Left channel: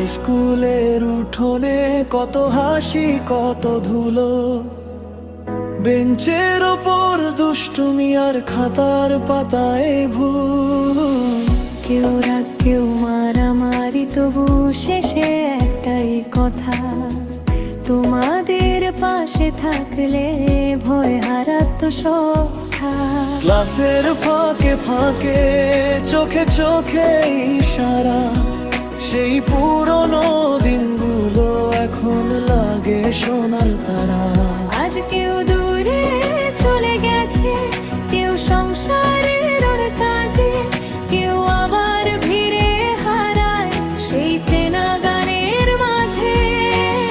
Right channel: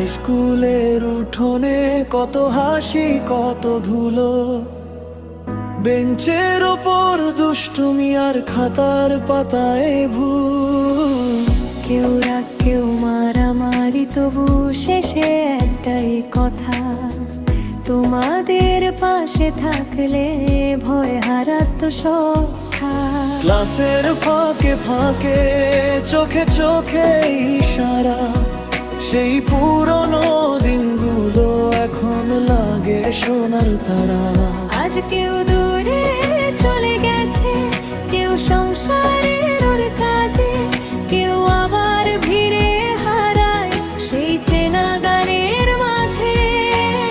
High স্কুলের উঠোনে কত হাসি কত ধুলো, বেঞ্চের ওপর দুষ্টুমি আর খাতার পাতায় ভুল। কেউ রাগ কেউ মারামারি, তবু শেষে একটাই কথা, তোমাদের পাশে থাকলে ভয় হারাতো সব। ক্লাসের ফাঁকে ফাঁকে চোখে চোখে ইশারা, সেই পুরনো দিনগুলো এখন লাগে সোনার তারা। আজ কেউ দূরে চলে গেছে, কেউ সংসারের ওর কাজে, কেউ আবার ভিড়ে হারায় সেই চেনা গানের মাঝে।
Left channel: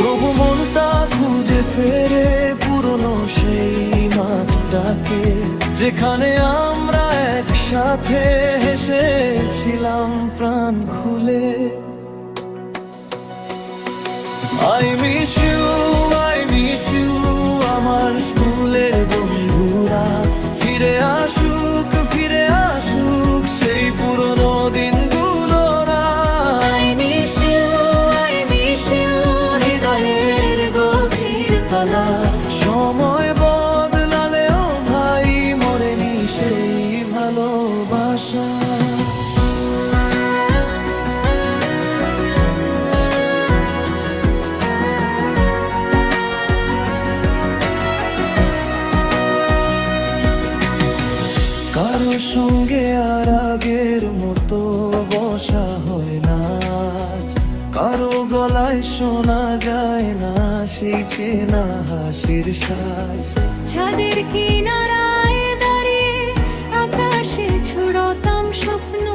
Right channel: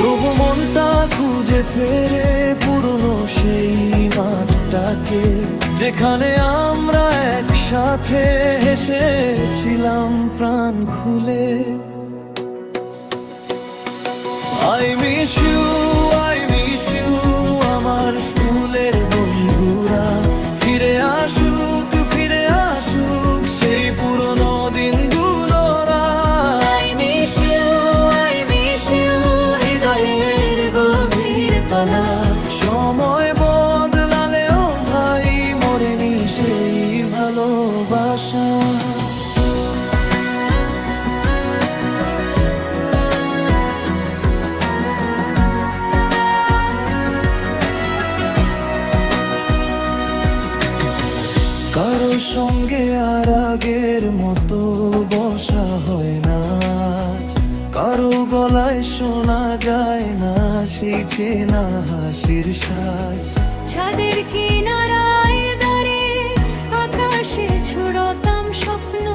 তবু মনটা খুঁজে ফেরে পুরনো সেই মাঠটাকে, যেখানে আমরা একসাথে হেসেছিলাম প্রাণ খুলে। I miss you আমার স্কুলের বন্ধুরা, ফিরে আসুক সেই পুরনো দিনগুলোরা। I miss you হৃদয়ের গভীর তলা। সময় বদলালেও ভাই মরেনি সেই ভালোবাসা। কারো সঙ্গে আর আগের মতো বসা হয় না, কারো গলায় শোনা যায় না সেই চেনা হাসির সাজ। ছাদের কিনারায় দাঁড়িয়ে আকাশে ছুড়তাম স্বপ্ন,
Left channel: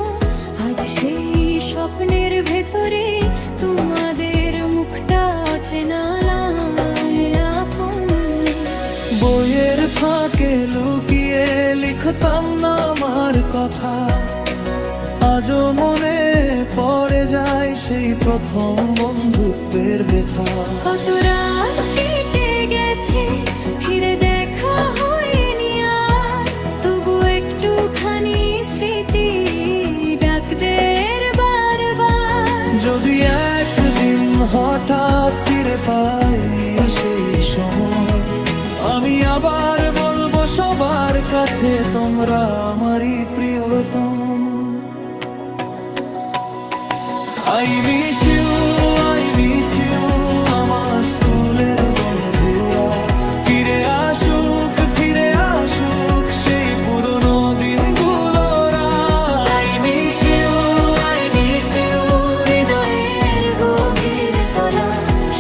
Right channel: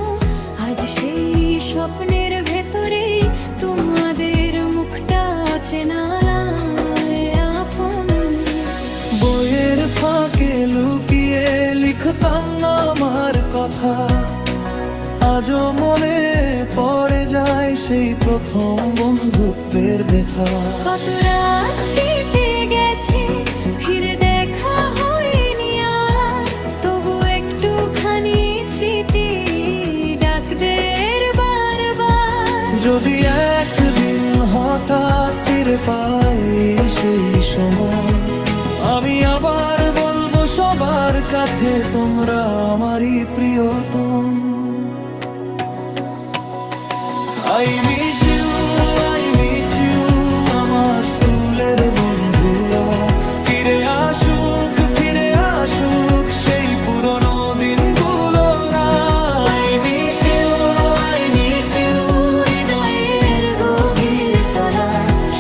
আজ সেই স্বপ্নের ভেতরে তোমাদের মুখটা অচেনা লাগে আপন। বইয়ের ফাঁকে লুকিয়ে লিখতাম না আমার কথা, আজও মনে পড়ে যায় সেই প্রথম বন্ধুত্বের ব্যথা। কত রাত কেটে গেছে ফিরে দেখা হয়নি আর, তবু একটুখানি স্মৃতি ডাকদের বারবার। যদি একদিন হঠাৎ ফিরে পাই সেই সময়, আমি আবার বলবো সবার কাছে তোমরা আমারই প্রিয়তম। I miss you আমার স্কুলের বন্ধুরা, ফিরে আসুক সেই পুরনো দিনগুলোরা। I miss you হৃদয়ের গভীর তলা।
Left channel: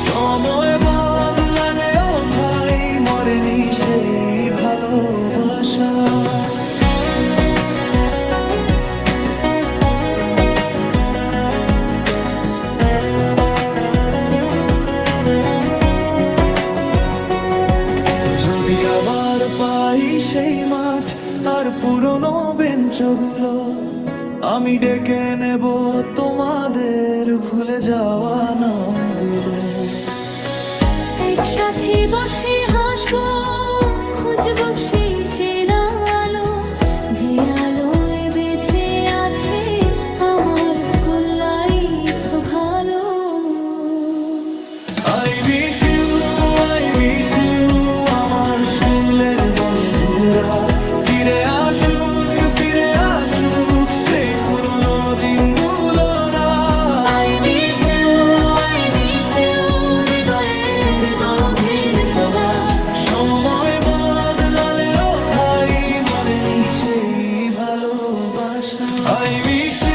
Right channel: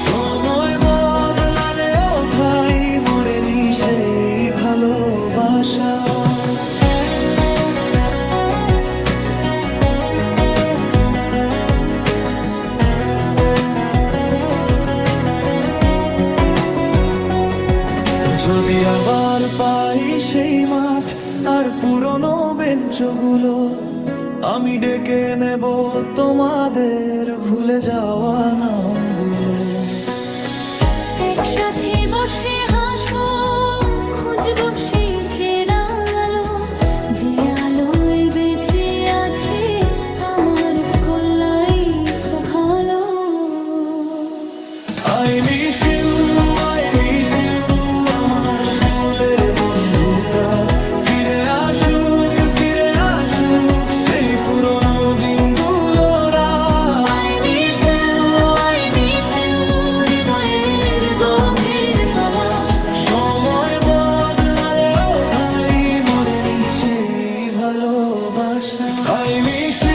সময় বদলালেও ভাই মরেনি সেই ভালোবাসা। যদি আবার পাই সেই মাঠ আর পুরনো বেঞ্চগুলো, আমি ডেকে নেব তোমাদের ভুলে যাওয়া নামগুলো। একসাথে বসে হাসবো, খুঁজবো সেই চেনা আলো, যে আলোয় বেঁচে আছে আমার স্কুল লাইফ ভালো। I miss you আমার স্কুলের বন্ধুরা, ফিরে আসুক সেই পুরনো দিনগুলোরা। I miss you হৃদয়ের গভীর তলা। সময় বদলালেও ভাই মরেনি সেই ভালোবাসা। I miss you